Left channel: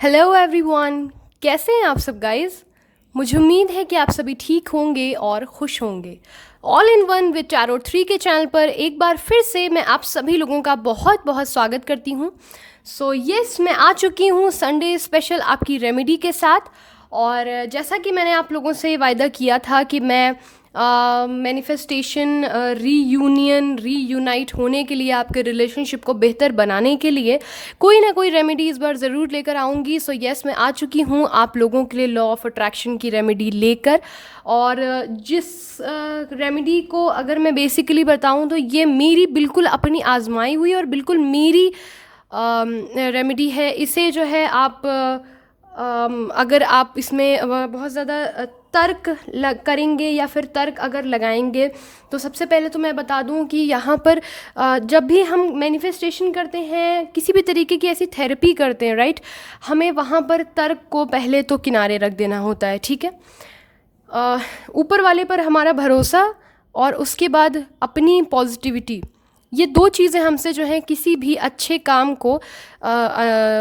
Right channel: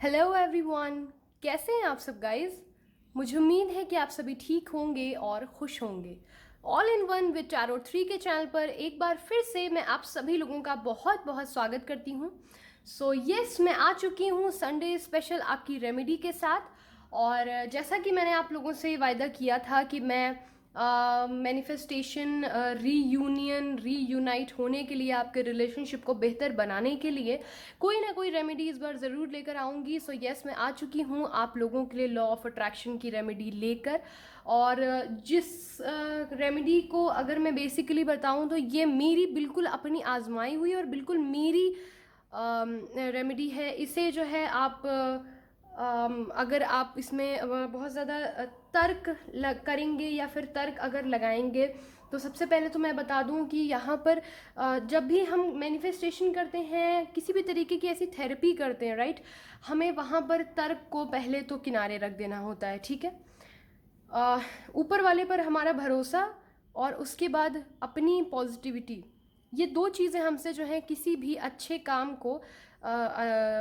Hello everyone. कैसे हैं आप सब गाइस। मुझे उम्मीद है कि आप सभी ठीक होंगे और खुश होंगे। All in one with tarot 3 के चैनल पर एक बार फिर से मैं आप सभी लोगों का बहुत बहुत स्वागत करती हूँ। यस, मैं आ चुकी हूँ संडे स्पेशल आपकी रेमेडी के साथ। और जैसा कि मैंने आप लोगों से वायदा किया था कि मैं मैनिफेस्टेशन, रीयूनियन, रीयूनाइट होने के लिए, आपके रिलेशनशिप को बेहतर बनाने के लिए कोई ना कोई रेमेडी इस बार ज़रूर लेकर आऊँगी। यस, मैं आ चुकी हूँ आप लोगों के लिए लॉ ऑफ अट्रैक्शन की रेमेडी लेकर। और जिस रेमेडी को अगर मैं बेसिकली बताऊँ तो ये मेरी बिल्कुल अपनी आजमाई हुई और बिल्कुल मेरी रेमेडी है। इसे जो है आप अगर आप इसमें बहुत ज़्यादा तर्क करेंगे या फिर तर्क अगर लगाएंगे तो सबसे पहले तो मैं बता दूं कि यहाँ पर जब भी हम मैनिफेस्टेशन करते हैं, किसी भी तरीके की ऐसी थेरेपी करते हैं, राइट, हमें वहाँ पर तर्क को पहले तो किनारे रख देना होता है। ठीक है, ऊपर वाले पर हमारा भरोसा और उसके बाद अपनी पॉजिटिविटी, ये दो चीज़ें हमसे जो है किसी भी अच्छे काम को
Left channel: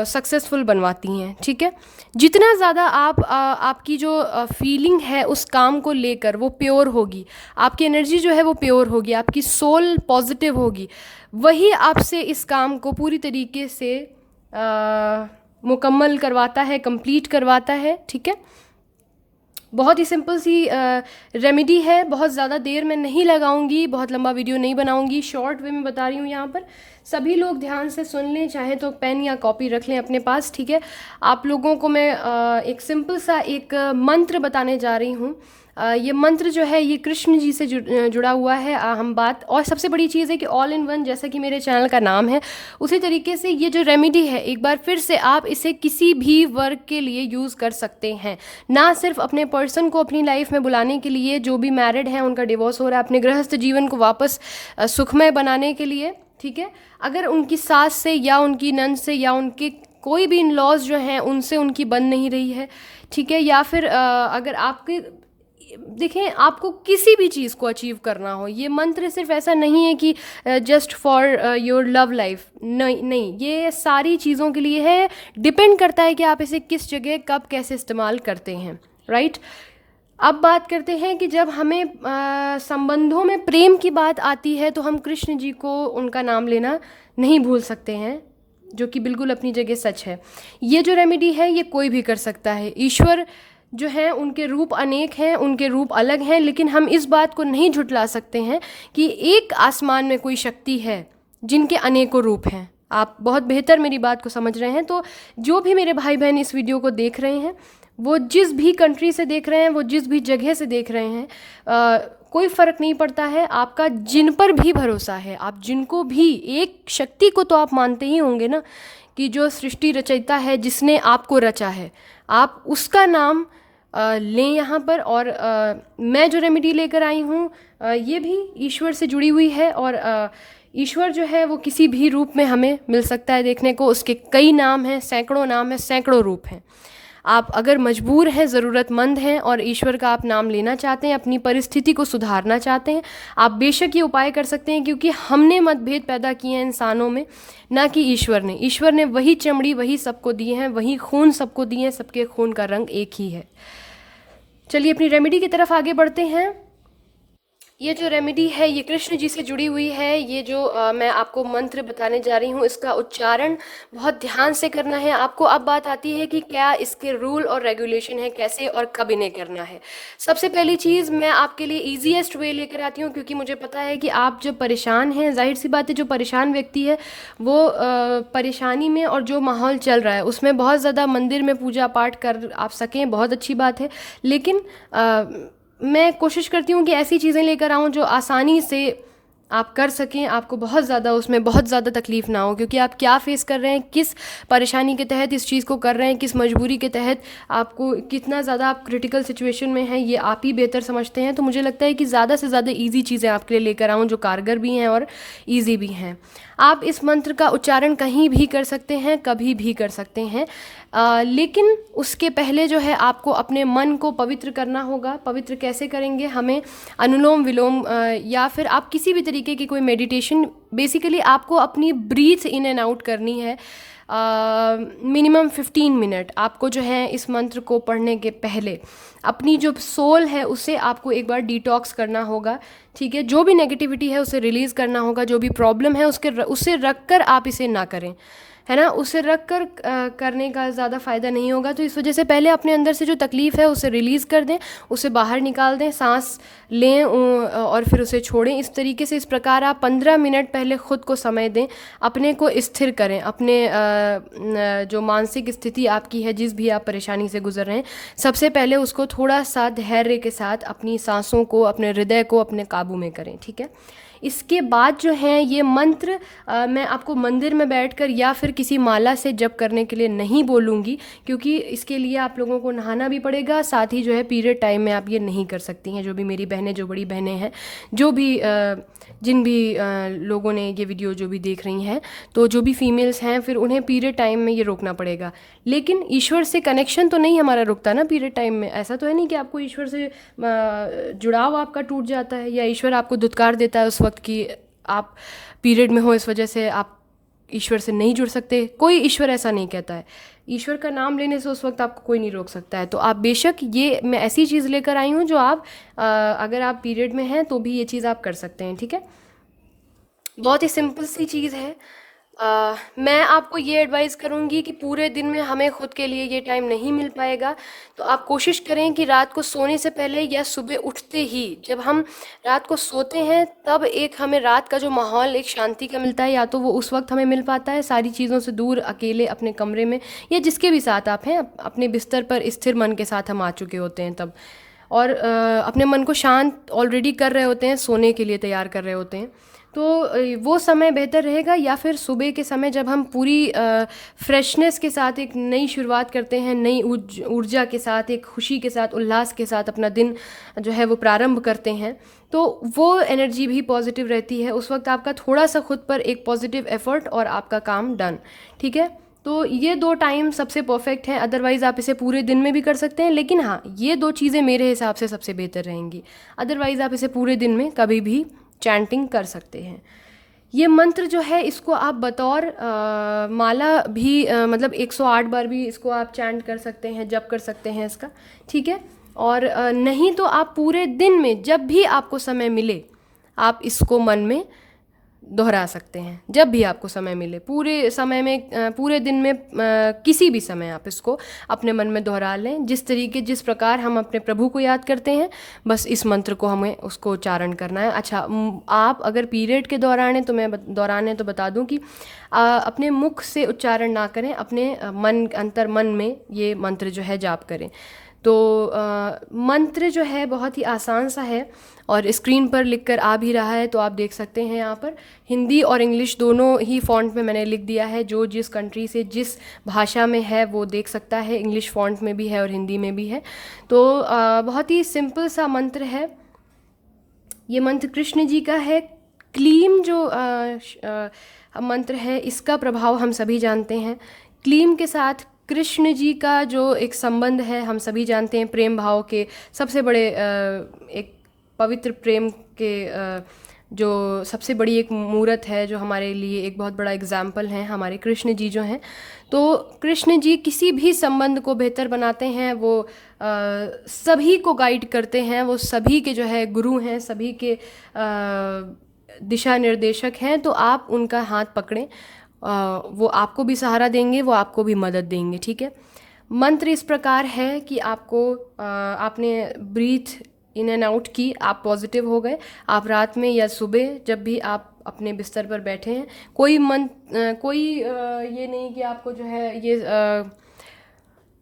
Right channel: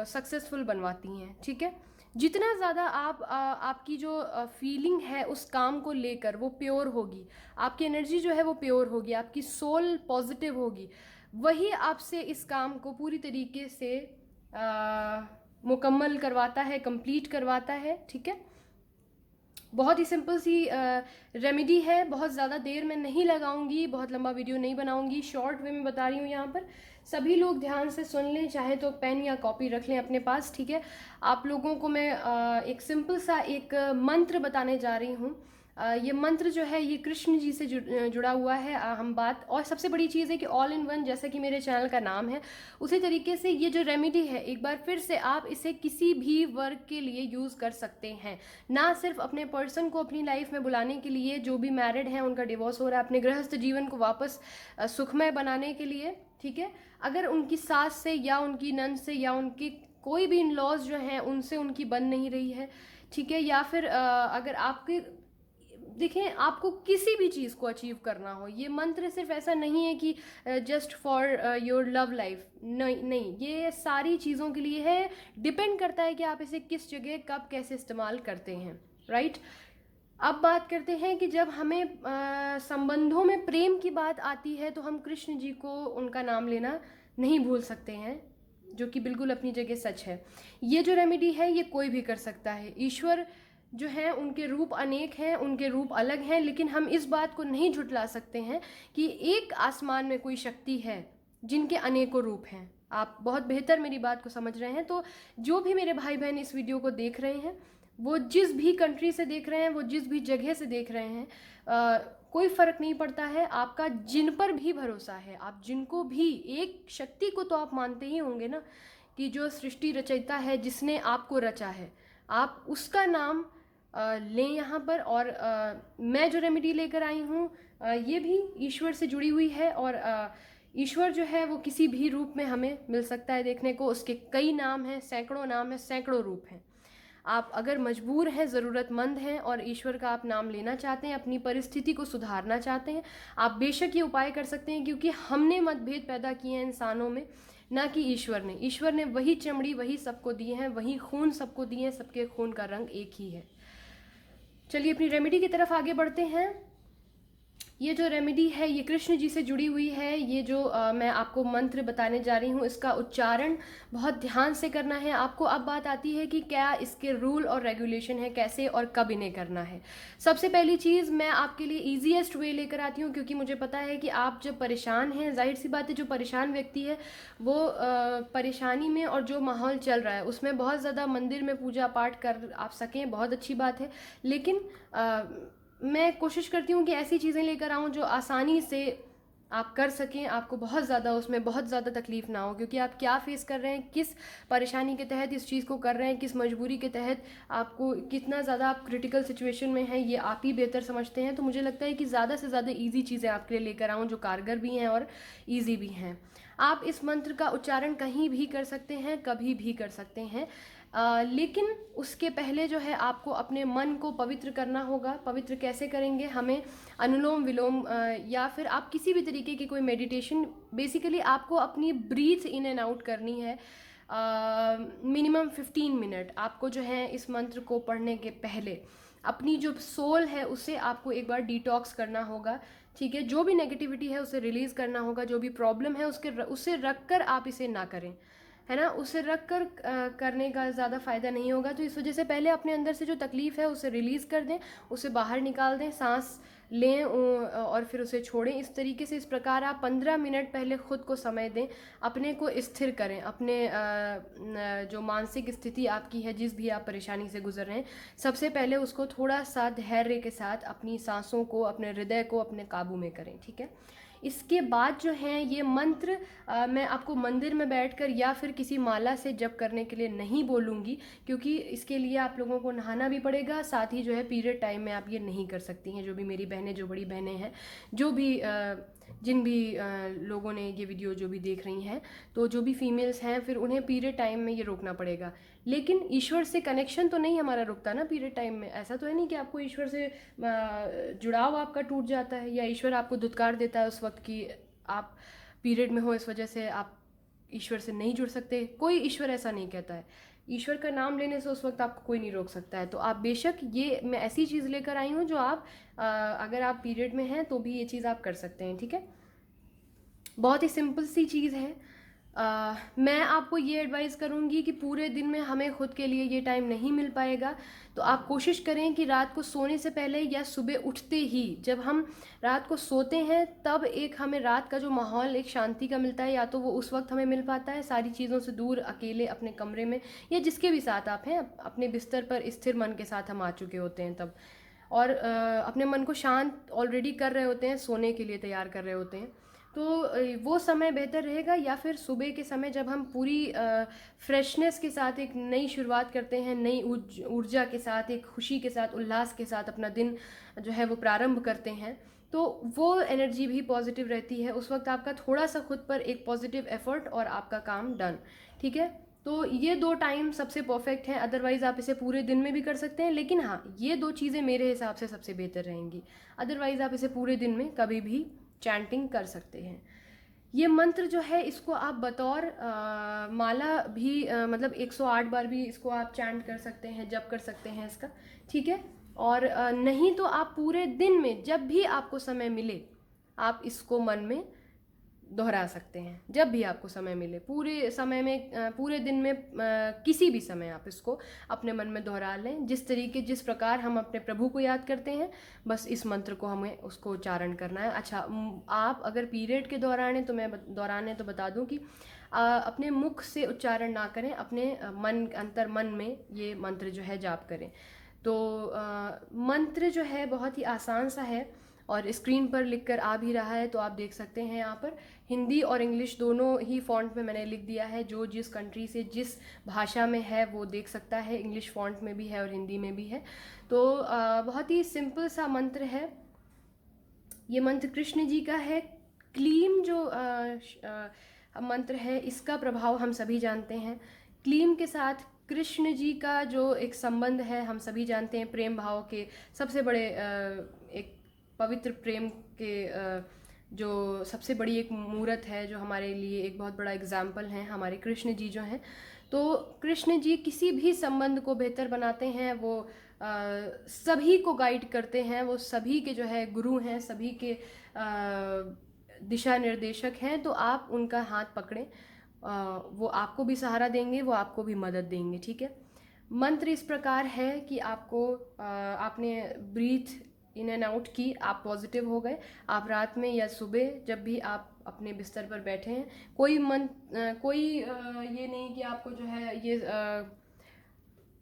सक्सेसफुल बनवाती हैं। ठीक है, जितना ज़्यादा आप आपकी जो फीलिंग है उस काम को लेकर वो प्योर होगी, आपकी एनर्जी जो है वो प्योर होगी, आपकी सोल पॉजिटिव होगी, वही आपसे इस काम को पूरी तरीके से मुकम्मल करवाता है, कंप्लीट करवाता है। ठीक है, बहुत ही सिंपल सी रेमेडी है। बहुत ज़्यादा देर मैं नहीं लगाऊंगी, बहुत लंबा वीडियो नहीं बनाऊंगी, शॉर्ट वे में बता रही हूँ। यहाँ पर सभी लोग ध्यान से सुन लें, चाहे तो पेन या कॉपी रख लें अपने पास। ठीक है, आप लोगों को मैं एक सिंपल सा एक मंत्र बताने जा रही हूँ। ये मंत्र जो है ये कृष्ण जी से जुड़ा हुआ है। हम बात, और सबसे बड़ी चीज़ है कि ऑल इन वन, जैसा कि मेरे चैनल का नाम है, उसी तरीके से ये जो रेमेडी है, एक बार फिर से आप इसे किसी भी वर्ग के लिए यूज़ कर सकते हैं। ना सिर्फ अपने पर्सन को अपनी लाइफ में बुलाने के लिए, जो भी मैरिड हैं उनका डिवोर्स हो रहा है, अपने गृहस्थ जीवन को वापस सुखमय बनाने के लिए। ठीक है, अगर उनकी सास से या उनकी नंद से या उनके कोई भी इन लॉज जो हैं उनसे उनकी बन नहीं रही है, ठीक है, या फिर अगर आपके, देखें, आपको किसी भी चीज़ को अचीव करना हो, ये मंत्र सिर्फ ऐसा नहीं है कि just for your love life, नहीं नहीं, ये सारी चीज़ों के लिए है। डिपेंड करता है कि आप इसे किस जगह कब कैसे इस्तेमाल करते हैं, राइट। अब बात करते हैं कि जब हमें संबंधों में प्रेम की बात आती है तो हम कृष्ण जी को, उनका नाम लेना नहीं भूल सकते हैं, जो कि बिल्कुल अपनी जगह सच है। ये जो रेमेडी है ये कोई भी कर सकता है। ईश्वर जो हैं उनके रूप अनेक हैं, उनके रूप अलग हैं, लेकिन हम इस बात को नहीं झुठला सकते हैं कि एक आसमान में कोई शक्ति है जिनके अनेकों रूप हैं। आप बहुत बेहतर मेरी बात को समझ रहे हैं। तो जो भी मेरे भाई बहन इस वीडियो को देख रहे हैं, वो जिस भी कंट्री से देख रहे हैं, वो जिस भी जगह से देख रहे हैं, कोई फ़र्क नहीं पड़ता है। आपका जिन पर भी भरोसा है, आप जिनको भी, एक शक्ति को तो आप मानते ही होंगे ना, कि जो सृष्टि रचयिता है, जिसने आपको रचा है, आप उसका नाम लें यहाँ पर। और मैं जो रेमेडी लेकर आई हूँ ये भी ईश्वर से जुड़ी हुई है। और ईश्वर जो है वो किसी भी रूप में हमें मिल सकता है देखने को। उसके कई नाम हैं, सैकड़ों नाम हैं, सैकड़ों रूप हैं। आप अगर मजबूर हैं, ज़रूरतमंद हैं और ईश्वर का आप नाम लेना चाहते हैं, अपनी परिस्थिति को सुधारना चाहते हैं, आप बेशक ये उपाय कर सकते हैं। क्योंकि हमने मतभेद पैदा किए हैं इंसानों में, ना कि ईश्वर ने। ईश्वर ने वही चमड़ी वही सबको दिए हैं, वही खून सबको दिए हैं, सबके खून का रंग एक ही है। चलिए अपनी रेमेडी की तरफ आगे बढ़ते हैं। ये जो रेमेडी है ये कृष्ण जी से जुड़ी हुई है। ये जो मैं आपको मंत्र बताने जा रही हूँ, इसका उच्चारण बहुत ध्यान से करना है आपको। अब बात आती है कि क्या इसके रूल और रेगुलेशन है, कैसे और कब इन्हें करना है। सबसे पहली चीज़ मैं आपके लिए ईजीएस्ट वे लेकर आती हूँ, क्योंकि मुझे पता है कि आप जब परेशान हैं, जाहिर सी बात है, जो परेशान व्यक्ति है वो परेशानी में और जो माहौल चल रहा है उसमें बहुत ज़्यादा मंदिर में पूजा पाठ कर आप सकें, बहुत अच्छी बात है। लेकिन मैं कोशिश करती हूँ कि ऐसी चीज़ें लेकर आऊँ जो आसानी से आप कर सकें, आपको बहुत ज़्यादा उसमें बहुत ज़्यादा तकलीफ़ ना हो। क्योंकि आप क्या फ़ेस कर रहे हैं, किस परेशानी के तहत इस चीज़ को कर रहे हैं, किस मजबूरी के तहत, आपको कितना ज़्यादा आप क्रिटिकल सिचुएशन में हैं, ये आप ही बेहतर समझते हैं। तो मुझे लगता है कि ज़्यादा से ज़्यादा ईजी चीज़ें आपके लिए लेकर आऊँ जो कारगर भी हैं और ईजी भी हैं। आप इस मंत्र का उच्चारण कहीं भी कर सकते हैं, कभी भी कर सकते हैं, लेकिन उसके पहले जो है आपको अपने मन को पवित्र करना होगा। पवित्र कैसे करेंगे, हमें अनुलोम विलोम या फिर आप किसी भी तरीके की कोई मेडिटेशन, बेसिकली आपको अपनी ब्रीथ इन एंड आउट करनी है। मिनिमम 15 मिनट आपको जो है इस मंत्र को पढ़ने के पहले अपनी जो सोल है उसे आपको एक बार डिटॉक्स करना होगा, ठीक है। जो भी नेगेटिविटी है उसे रिलीज़ करना होगा, जो भी प्रॉब्लम है उसे रख कर आप इसे ना करें, है ना। उसे रख कर करने का ज़्यादा फ़ायदा नहीं होगा। तो इस वजह से पहले अपने अंदर से जो तकलीफ़ है उसे रिलीज़ कर दें, उसे बाहर निकाल दें, सांस लें और फिर उसे छोड़ें। इस तरीके से, इस प्रकार आप 15 मिनट पहले ख़ुद को समय दें, अपने को स्थिर करें, अपने जो मानसिक स्थिति आपकी है, जिस भी आप परेशानी से गुजर रहे हैं, सबसे पहले उसको थोड़ा सा धैर्य के साथ अपनी सांसों को, अपने हृदय को अपने काबू में करें, ठीक है। इसके बाद जो है ये मंत्र मैं आपको मंदिर में बैठकर या फिर किसी माला से जप करने के लिए नहीं बोलूँगी, क्योंकि इसके लिए आप लोगों को नहाना भी पड़ेगा। साथ ही जो है पीरियड टाइम में आप ये नहीं कर सकती हैं। जो भी मेरी बहनें, जो बड़ी बहनें हैं, जो भी जिन भी लोगों ने ये वीडियो जो भी देख रही हैं, तो जो भी फीमेल्स हैं, फिर उन्हें पीरियड टाइम में ये रोकना पड़ेगा। लेकिन ईश्वर से कनेक्शन तो नहीं हमारा रुकता ना पीरियड टाइम में। ऐसा तो है नहीं कि आपको ईश्वर से जुड़ाव आपका टूट जाता है, या ईश्वर आपको धुतकार देता है उस वक्त कि आप पीरियड में हो, इस वजह से आप ईश्वर से नहीं जुड़ सकते। कोई ईश्वर ऐसा नहीं कहता है। ईश्वर का नाम लेने से उस वक्त आपको कोई नहीं रोक सकता है। तो आप बेशक, ये मैं ऐसी चीज़ लेकर आई हूँ जो आप अगर आप पीरियड में हैं तो भी ये चीज़ आप कर सकते हैं, ठीक है। बहुत ही सिंपल सी चीज़ है। मैं आपको ये एडवाइस करूँगी कि पूरे दिन में हमें ख़ुद के लिए ये टाइम नहीं मिल पाएगा, तो आप कोशिश करें कि रात को सोने से पहले या सुबह उठते ही, जब हम रात को सोते हैं, तब एक हमें रात का जो माहौल एक शांति का मिलता है, या तो वो उस वक्त हमें मिल पाता है सारी चीज़ों से दूर, अकेले अपने कमरे में, या जिसके भी साथ आप हैं, अपने बिस्तर पर स्थिर मन के साथ हम आ चुके होते हैं तब, और अपने मन को शांत ऑलरेडी कर रहे होते हैं, सोने के लिए तैयार कर रहे होते हैं। तो वो समय बेहतर रहेगा, या फिर सुबह के समय जब हम पूरी फ्रेशनेस के साथ एक नई शुरुआत करते हैं, नई ऊर्जा के साथ, एक खुशी के साथ, उल्लास के साथ अपना दिन जो है वो प्रारंभ करते हैं, तो वो एनर्जी भी पॉजिटिव रहती है। उस वक्त आपका थोड़ा सा खुद पर एक पॉजिटिव एफर्ट और आपका काम डन, ठीक है। तो ये 2 टाइम सबसे परफेक्ट हैं। अदरवाइज़ आप इसे पूरे दिन में भी कर सकते हैं, लेकिन हाँ, ये 2 चीज़ें मेरे हिसाब से सबसे बेहतर रहेंगी। अदरवाइज़ आप इसे पूरे दिन में कभी भी चैंटिंग कर सकते हैं। ये मंत्र जो है इसको आप बतौर माला भी मतलब 108 बार भी इसको आप चैंट कर सकते हैं, जप कर सकते हैं इसका, ठीक है। और नहीं तो आप पूरे दिन में जब भी आपको समय मिले आप इसको मन में दोहरा सकते हैं, जब भी आपको समय मिले, पूरे समय में, पूरे दिन में, किसी भी समय आप इसको अपने मन में दोहरा लें। जिस प्रकार हम अपने प्रभु को याद करते हैं, बस इस मंत्र को हमें उसको उच्चारण करना है। अच्छा, आप अगर पीरियड के दौरान हैं तो मैं तो बता दूं कि अपने मुख से उच्चारण ना करें, अपने अंतर मन में ये मंत्र जो है जाप करें। तो मंत्र जो है बहुत ही आसान सा है, और स्क्रीन पर लिखकर आ भी रहा है, तो आप देख सकते हैं यहाँ पर हिंदी और इंग्लिश दोनों ही फ़ॉन्ट में मैंने लिख दिया है। जो जिस कंट्री से जिस भाषा में है वो देख सकता है, इंग्लिश फ़ॉन्ट में भी है और हिंदी में भी है। तो बहुत ही सिंपल सा मंत्र है। ये मंत्र कृष्ण जी का है। क्लीम जो मंत्र है, इसका प्रभाव हम सभी जानते हैं। क्लीम के साथ कृष्ण जी का जो एक संबंध है हम सभी जानते हैं, प्रेम भाव के सबसे बड़े एक पवित्र प्रेम के जो सबसे बड़ी एक मूर्त है, जो हमारे लिए एक बहुत बड़ा एग्जाम्पल है, हमारे कृष्ण जी जो हैं। तो कृष्ण जी किसी भी संबंध को बेहतर बनाते हैं, वो सभी को गाइड करते हैं, वो सभी के जो है गुरु हैं, सभी के दिशा निर्देशक हैं। तो आप उनका हाथ पकड़ें, वो आपको भी सहारा देंगे, वो आपको भी मदद देंगे, ठीक है। मंत्र इस प्रकार है कि आपको आपने ब्रीथ इन एंड आउट की, आप पॉजिटिव हो गए। आप रात में या सुबह जब भी आप अपने बिस्तर पर बैठे हैं, कोई ये नहीं कि आपको जो है ये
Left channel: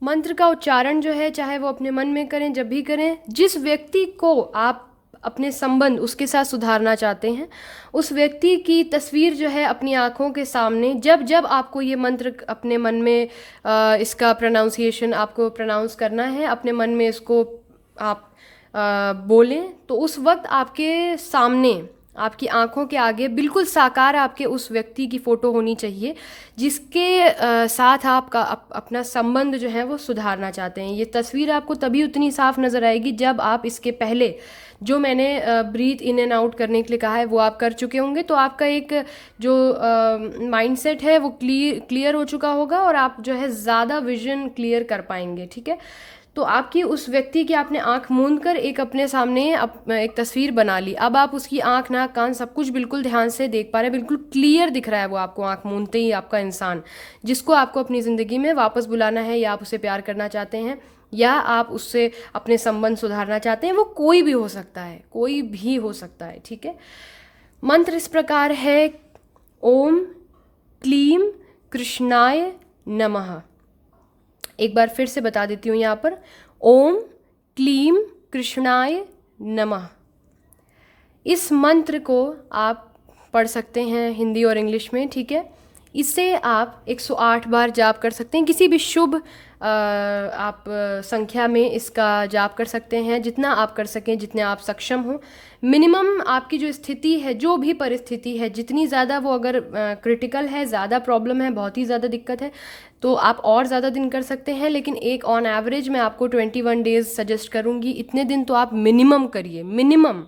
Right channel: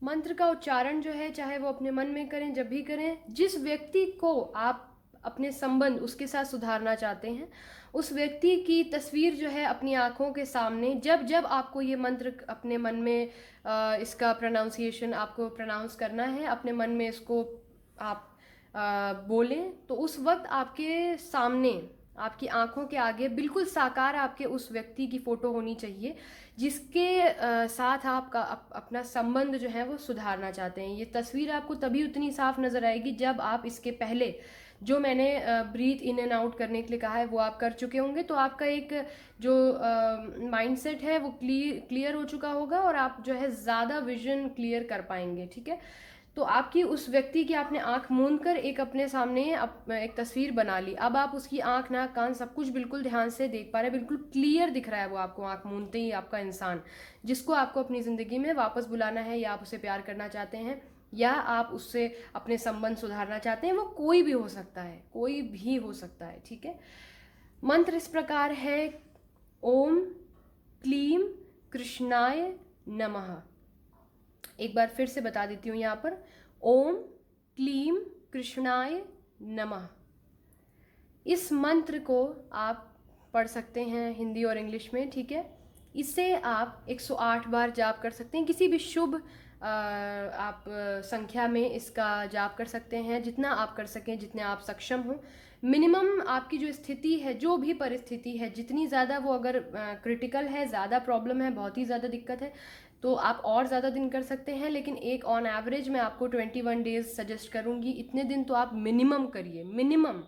मंत्र का उच्चारण जो है चाहे वो अपने मन में करें, जब भी करें, जिस व्यक्ति को आप अपने संबंध उसके साथ सुधारना चाहते हैं, उस व्यक्ति की तस्वीर जो है अपनी आँखों के सामने, जब जब आपको ये मंत्र अपने मन में इसका प्रोनाउंसिएशन आपको प्रोनाउंस करना है, अपने मन में इसको आप बोलें, तो उस वक्त आपके सामने आपकी आंखों के आगे बिल्कुल साकार आपके उस व्यक्ति की फ़ोटो होनी चाहिए जिसके साथ आपका अपना संबंध जो है वो सुधारना चाहते हैं। ये तस्वीर आपको तभी उतनी साफ नज़र आएगी जब आप इसके पहले जो मैंने ब्रीथ इन एंड आउट करने के लिए कहा है वो आप कर चुके होंगे, तो आपका एक जो माइंडसेट है वो क्लियर हो चुका होगा और आप जो है ज़्यादा विजन क्लियर कर पाएंगे। ठीक है, तो आपकी उस व्यक्ति की आपने आंख मूंद कर एक अपने सामने एक तस्वीर बना ली। अब आप उसकी आंख, नाक, कान सब कुछ बिल्कुल ध्यान से देख पा रहे हैं, बिल्कुल क्लियर दिख रहा है वो आपको आंख मूंदते ही आपका इंसान, जिसको आपको अपनी ज़िंदगी में वापस बुलाना है, या आप उसे प्यार करना चाहते हैं, या आप उससे अपने संबंध सुधारना चाहते हैं। वो कोई भी हो सकता है, कोई भी हो सकता है। ठीक है, मंत्र इस प्रकार है, ओम क्लीम कृष्णाय नमः। एक बार फिर से बता देती हूँ यहाँ पर, ओम क्लीम कृष्णाय नमः। इस मंत्र को आप पढ़ सकते हैं हिंदी और इंग्लिश में। ठीक है, इसे आप 108 बार जाप कर सकते हैं। किसी भी शुभ आप संख्या में इसका जाप कर सकते हैं, जितना आप कर सकें, जितने आप सक्षम हो। मिनिमम आपकी जो स्थिति है, जो भी परिस्थिति है, जितनी ज़्यादा वो अगर क्रिटिकल है, ज़्यादा प्रॉब्लम है, बहुत ही ज़्यादा दिक्कत है, तो आप और ज़्यादा दिन कर सकते हैं। लेकिन एक ऑन एवरेज मैं आपको 21 डेज़ सजेस्ट करूँगी। इतने दिन तो आप मिनिमम करिए, मिनिमम।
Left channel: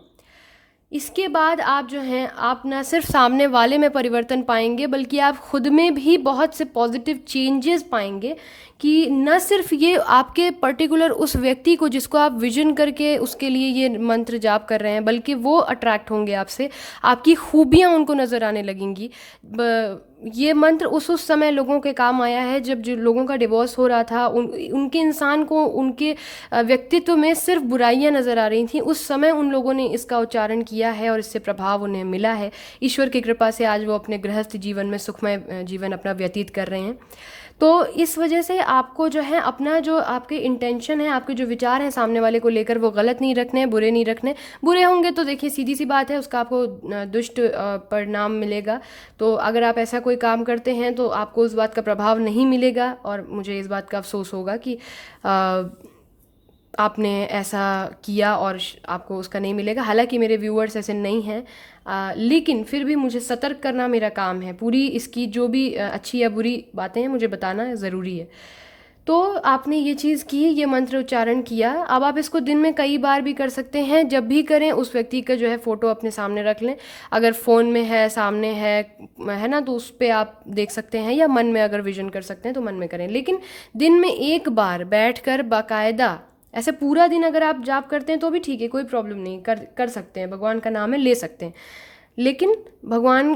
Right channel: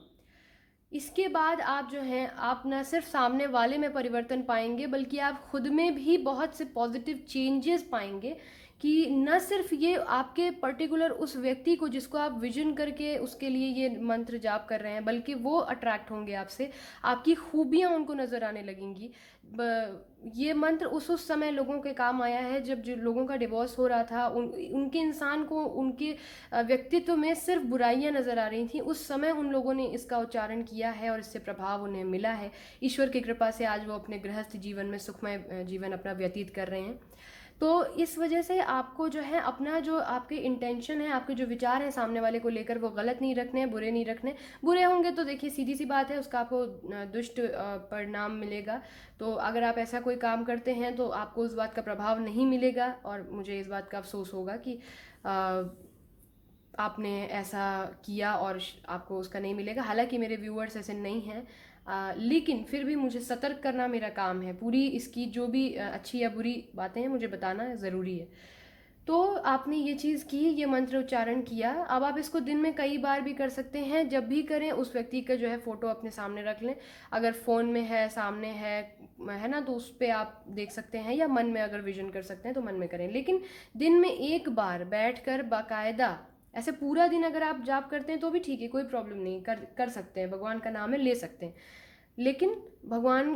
इसके बाद आप जो हैं, आप ना सिर्फ सामने वाले में परिवर्तन पाएंगे, बल्कि आप खुद में भी बहुत से पॉजिटिव चेंजेस पाएंगे कि न सिर्फ ये आपके पर्टिकुलर उस व्यक्ति को जिसको आप विजन करके उसके लिए ये मंत्र जाप कर रहे हैं, बल्कि वो अट्रैक्ट होंगे आपसे, आपकी खूबियाँ उनको नज़र आने लगेंगी। ये मंत्र उस समय लोगों के काम आया है जब जो लोगों का डिवोर्स हो रहा था, उनके इंसान को उनके व्यक्तित्व में सिर्फ बुराइयां नज़र आ रही थी। उस समय उन लोगों ने इसका उच्चारण किया है और इससे प्रभाव उन्हें मिला है। ईश्वर की कृपा से आज वो अपने गृहस्थ जीवन में सुखमय जीवन अपना व्यतीत कर रहे हैं। तो इस वजह से आपको जो है अपना जो आपके इंटेंशन है, आपके जो विचार हैं सामने वाले को लेकर, वो गलत नहीं रखने, बुरे नहीं रखने। बुरे होंगे तो देखिए सीधी सी बात है, उसका आपको दुष्ट परिणाम मिलेगा। तो अगर आप ऐसा कोई काम करते हैं तो आपको उस बात का प्रभाव नहीं मिलेगा, और मुझे इस बात का अफसोस होगा कि आपने ऐसा किया और आपको उसका नहीं मिलेगा। हालांकि मेरे व्यूअर्स ऐसे नहीं हैं, लेकिन फिर भी मुझे सतर्क करना मेरा काम है। पूरी इसकी जो भी अच्छी या बुरी बातें हैं मुझे बताना ज़रूरी है। तो आपने ये चीज़ की, ये मंत्र उच्चारण किया। अब आप इसको दिन में कई बार भी कर सकते हैं। जब भी करें उस व्यक्ति का जो है फ़ोटो अपने सामने रख लें। अगर फ़ोन में है, सामने है ना, तो उस पर आप देख सकते हैं, या मन में अगर विजन कर सकते हैं तो मन में करें। लेकिन दिन में एक बार बैठकर बाकायदा, ऐसे पूरा दिन अगर आप जाप करते हैं तो भी ठीक है, कोई प्रॉब्लम नहीं, कर सकते हैं, भगवान का नाम है, ले सकते हैं। लेकिन भगवान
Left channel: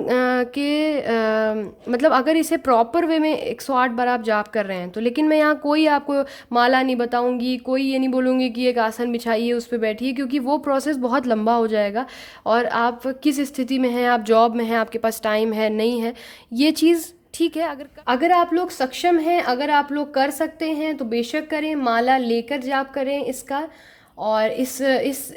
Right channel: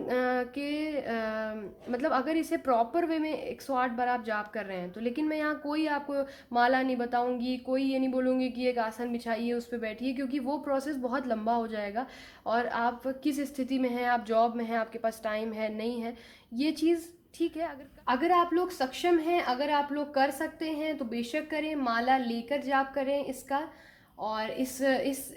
मतलब अगर इसे प्रॉपर वे में 108 बार आप जाप कर रहे हैं तो, लेकिन मैं यहाँ कोई आपको माला नहीं बताऊंगी, कोई ये नहीं बोलूँगी कि एक आसन बिछाइए उस पर बैठिए, क्योंकि वो प्रोसेस बहुत लंबा हो जाएगा। और आप किस स्थिति में हैं, आप जॉब में हैं, आपके पास टाइम है नहीं है, ये चीज़ ठीक है। अगर आप लोग सक्षम हैं, अगर आप लोग कर सकते हैं तो बेशक करें, माला लेकर जाप करें इसका। और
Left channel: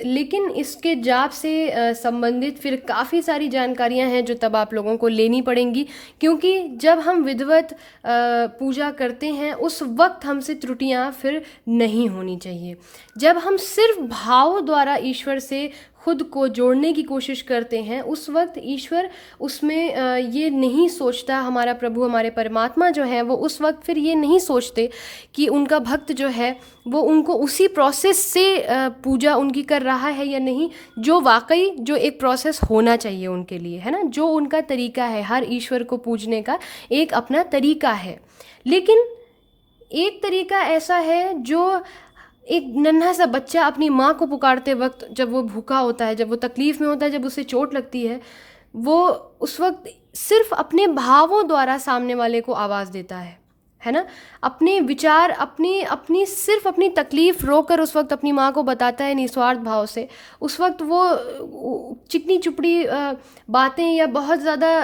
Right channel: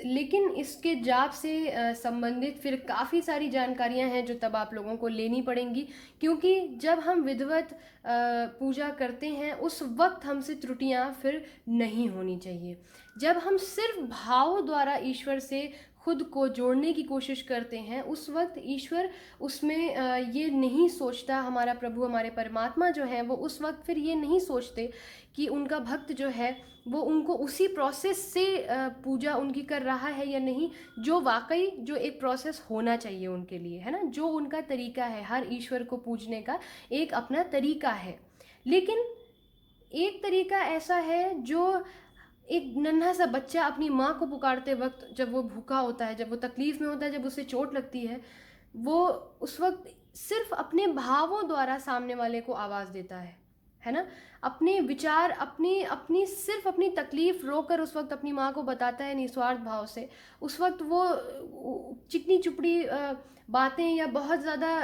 लेकिन इसके जाप से संबंधित फिर काफ़ी सारी जानकारियां हैं जो तब आप लोगों को लेनी पड़ेंगी, क्योंकि जब हम विधिवत पूजा करते हैं उस वक्त हमसे त्रुटियां फिर नहीं होनी चाहिए। जब हम सिर्फ भाव द्वारा ईश्वर से खुद को जोड़ने की कोशिश करते हैं, उस वक्त ईश्वर उसमें ये नहीं सोचता, हमारा प्रभु, हमारे परमात्मा जो है वो उस वक्त फिर ये नहीं सोचते कि उनका भक्त जो है वो उनको उसी प्रोसेस से पूजा उनकी कर रहा है या नहीं, जो वाकई जो एक प्रोसेस होना चाहिए उनके लिए, है ना, जो उनका तरीका है। हर ईश्वर को पूजने का एक अपना तरीका है। लेकिन एक तरीका ऐसा है जो एक नन्हा सा बच्चा अपनी माँ को पुकारते वक्त, जब वो भूखा होता है, जब वो तकलीफ़ में होता है, जब उसे चोट लगती है, वो उस वक्त सिर्फ अपने भावों द्वारा सामने वाले को आवाज़ देता है ना, अपने विचार, अपनी सिर्फ अपनी तकलीफ़ रोकर उस वक्त अपनी माँ को बताता है निस्वार्थ भाव से। उस वक्त वो चिकनी चुपड़ी बातें या बहुत ज़्यादा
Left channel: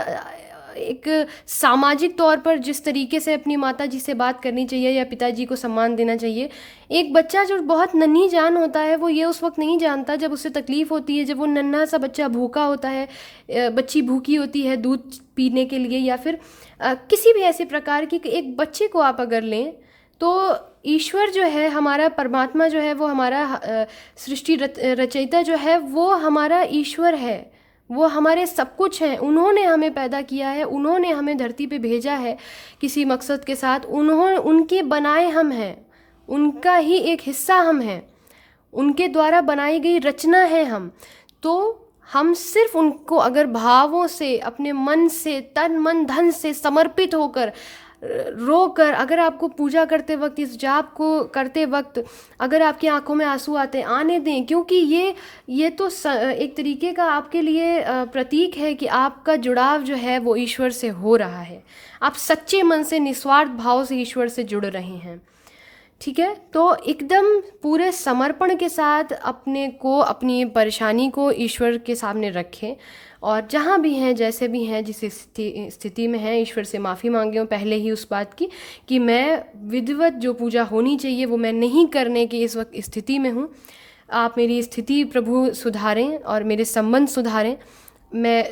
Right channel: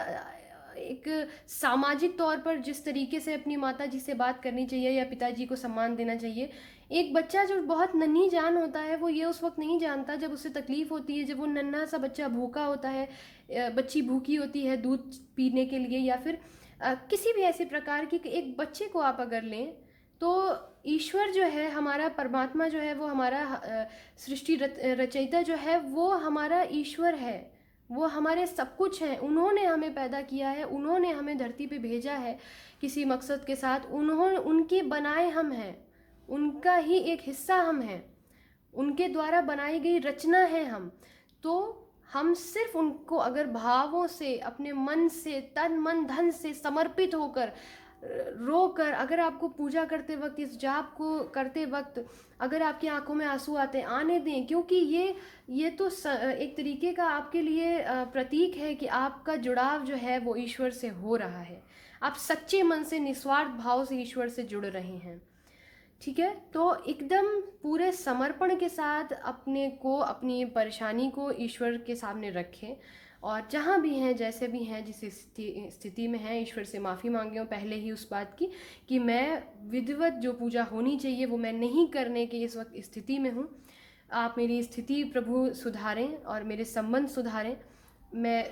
एक सामाजिक तौर पर जिस तरीके से अपनी माता जी से बात करनी चाहिए या पिताजी को सम्मान देना चाहिए, एक बच्चा जो बहुत नन्ही जान होता है वो ये उस वक्त नहीं जानता जब उससे तकलीफ़ होती है, जब वो नन्हा सा बच्चा भूखा होता है, बच्ची भूखी होती है दूध पीने के लिए, या फिर किसी भी ऐसे प्रकार की एक बच्चे को आप अगर लें तो ईश्वर जो है, हमारा परमात्मा जो है, वो हमारा सृष्टि रचयिता जो है, वो हमारा ईश्वर है, वो हमारे सब कुछ हैं। उन्होंने हमें पैदा किया है, उन्होंने हमें धरती पे भेजा है किसी मकसद के साथ। उनके बनाए हम हैं, उनका ही एक हिस्सा हम हैं, उनके द्वारा बनाई गई रचना है हम। तो हम सिर्फ उनको अगर भावों से, अपने मन से, तन मन धन से समर्पित होकर, रोकर, अगर आपको पूजा करते वक्त, इस जाप को करते वक्त अगर आपकी आंखों में आंसू आते, आने दें, क्योंकि ये तो एक तरीके का आपके लिए प्रतीक है कि आपका जुड़ाव जो है वो ईश्वर से हो रहा है। आप सच्चे मन से, निस्वार्थ भाव से ईश्वर से जुड़ रहे हैं। ठीक है, तो एकदम पूरे समर्पण के साथ अपने को, अपनी परेशानी को ईश्वर के सामने रखें, और जहाँ भी हैं, जैसे भी हैं, जिस स्थिति में हैं, ईश्वर से माफ़ी मांगे पहले ही उस बात की कि मैं विधिवत जो पूजा होनी चाहिए वो मैं नहीं करने की इस वक्त स्थिति में हूँ। आप मेरी स्थिति प्रभु सुधारें और मेरे संबंध सुधारें। मैं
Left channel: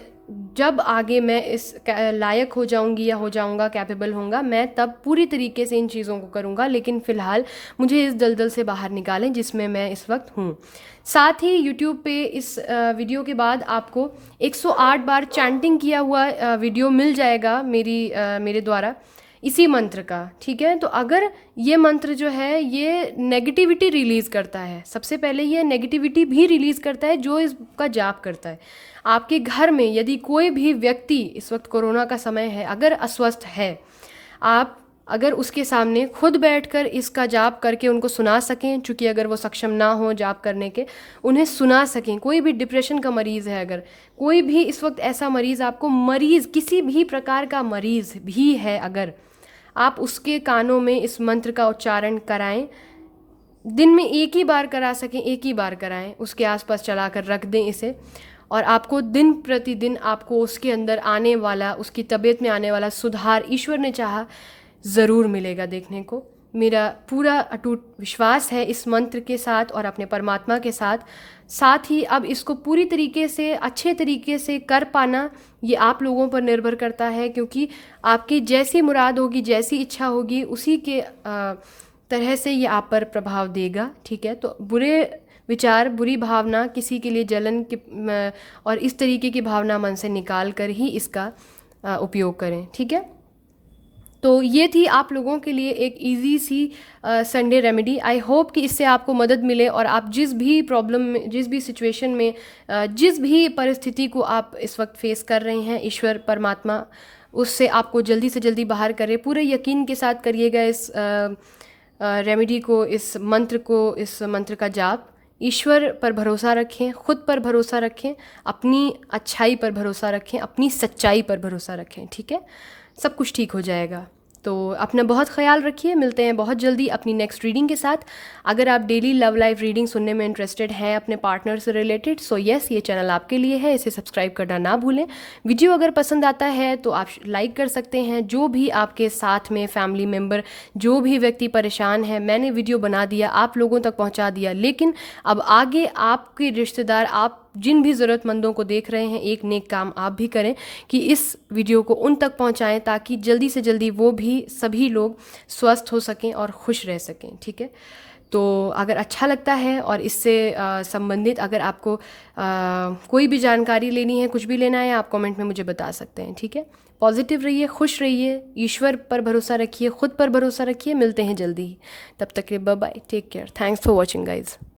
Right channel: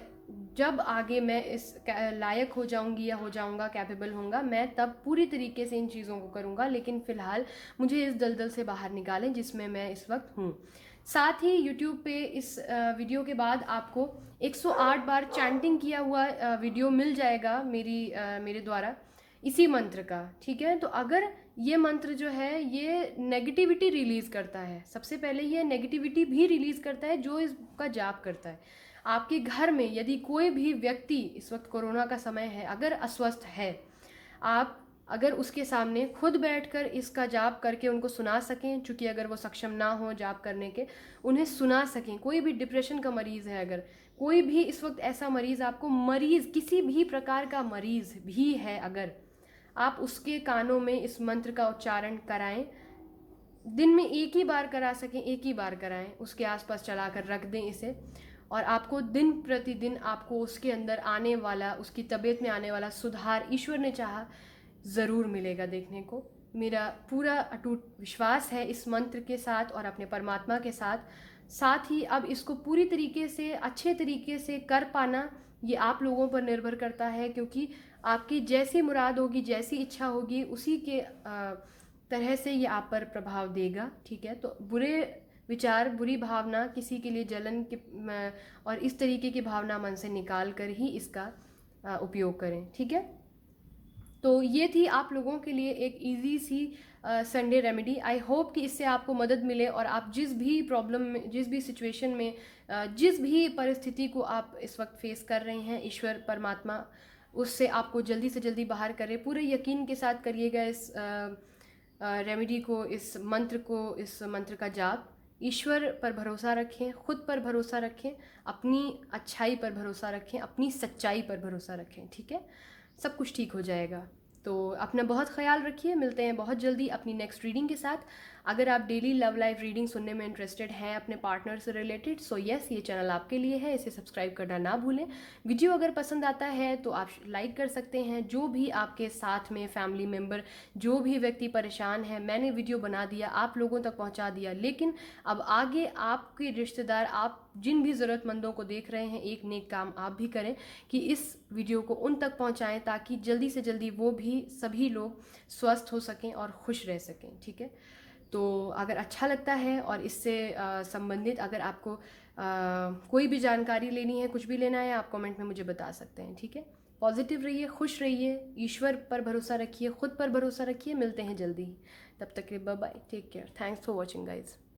जब आगे मैं इस लायक हो जाऊंगी या हो जाऊंगा, कैपेबल होऊंगा, मैं तब पूरी तरीके से इन चीज़ों को करूंगा, लेकिन फ़िलहाल मुझे इस दलदल से बाहर निकालें जिसमें मैं इस वक्त हूँ। साथ ही YouTube पे इस वीडियो के बाद आपको 108 बार चैंटिंग किया हुआ वीडियो मिल जाएगा मेरे द्वारा, इसी मंत्र का। ठीक है, तो अगर ये मंत्र जो है ये नेगेटिविटी रिलीज़ करता है, सबसे पहले ये नेगेटिविटी भी रिलीज़ करता है जो इसका जाप करता है। आपके घर में यदि कोई भी व्यक्ति, इस वक्त कोरोना का समय है, अगर अस्वस्थ है, आप अगर उसके सामने खुद बैठकर इसका जाप करके उनको सुना सकें, चूँकि अगर वो सक्षम ना हो जाप करने के, उन्हें सुना सकें। कोई भी डिप्रेशन का मरीज़ है, अगर कोई भी इस वक्त ऐसा मरीज़, आपको मरीज़, किसी भी प्रकार का मरीज़ भी है, अगर आप उसके कानों में इस मंत्र का उच्चारण कराएं, दिन में एक ही बार करा सकें, एक ही बार कराएं, उसके आसपास चला कर रख दें इसे, और आपको दिन प्रतिदिन आपको उसके अंदर आने वाला, उसकी तबीयत में आने वाला सुधार ईश्वर ने चाहा ज़रूर मिलेगा देखने को। मेरा पूरा अटूट विश्वास है इस मंत्र के साथ और अपने परमात्मा के साथ। साथ ही अब इसको पूरी तरीके से, अच्छे तरीके से कर पाना ये आप लोगों पर निर्भर करता है, क्योंकि आपकी जैसी मुराद होगी, जैसी इच्छा होगी, उसी के तरह से ये आप पर प्रभाव देगा। ठीक है, तो बुरे विचार, बुरी भावना, किसी के लिए जलन के और इस तरीके की भावना मन से निकाल कर ही इसका उपयोग करें। ठीक है, तो ये थी आप लोगों के लिए एक इजी सी संडे रेमेडी। आई होप कि इससे आपको मदद मिले और आप जिस भी प्रॉब्लम में, जिस भी सिचुएशन में, जिस भी परिस्थिति को आप इस वक्त फेस कर रहे हैं, ईश्वर परमात्मा उससे आपको जल्दी से जल्दी बाहर करे। पूरे यकीन के साथ करिएगा इस रेमेडी को, इस मंत्र का जाप। ईश्वर पर भरोसा रखें, खुद पर भरोसा रखें, अपनी अच्छाई पर भरोसा रखें, अपनी सच्चाई पर भरोसा रखें। ठीक है, सब कुछ ठीक हो जाएगा। तो अपना बहुत ख्याल रखिए, मिलते हैं बहुत जल्दी अपनी नेक्स्ट रीडिंग के साथ। अगर आप डेली लव लाइफ रीडिंग सुनने में इंटरेस्टेड हैं अपने पार्टनर से रिलेटेड, सो यस, ये चैनल आपके लिए है, इसे सब्सक्राइब करना ना भूलें। वीडियो अगर पसंद आता है तो आप लाइक कर सकते हैं। जो भी आपके साथ में फैमिली मेम्बर, जो भी व्यक्ति परेशान है, मैंने वीडियो बना दिया, आप लोगों तक पहुँचा दिया, लेकिन अब आगे आपके रिश्तेदार, आप जिन भी ज़रूरतमंदों को देख रहे हैं, एक नेक काम आप भी करें कि इस वीडियो को उन तक पहुंचाएं, ताकि जल्दी से जल्दी वो भी, सभी लोग स्वस्थ हो सकें और खुश रह सकें। ठीक है, तो अगर अच्छा लगता है और इससे संबंधित अगर आपको कोई भी जानकारी लेनी है, कुछ भी लेना है, आप कमेंट में मुझे बता सकते हैं। ठीक है, पॉजिटिव रहिए, खुश रहिए, ईश्वर पर भरोसा रखिए, खुद पर भरोसा रखिए। मिलते हैं जल्दी ही, तब तक के bye bye, take care, thanks for watching guys.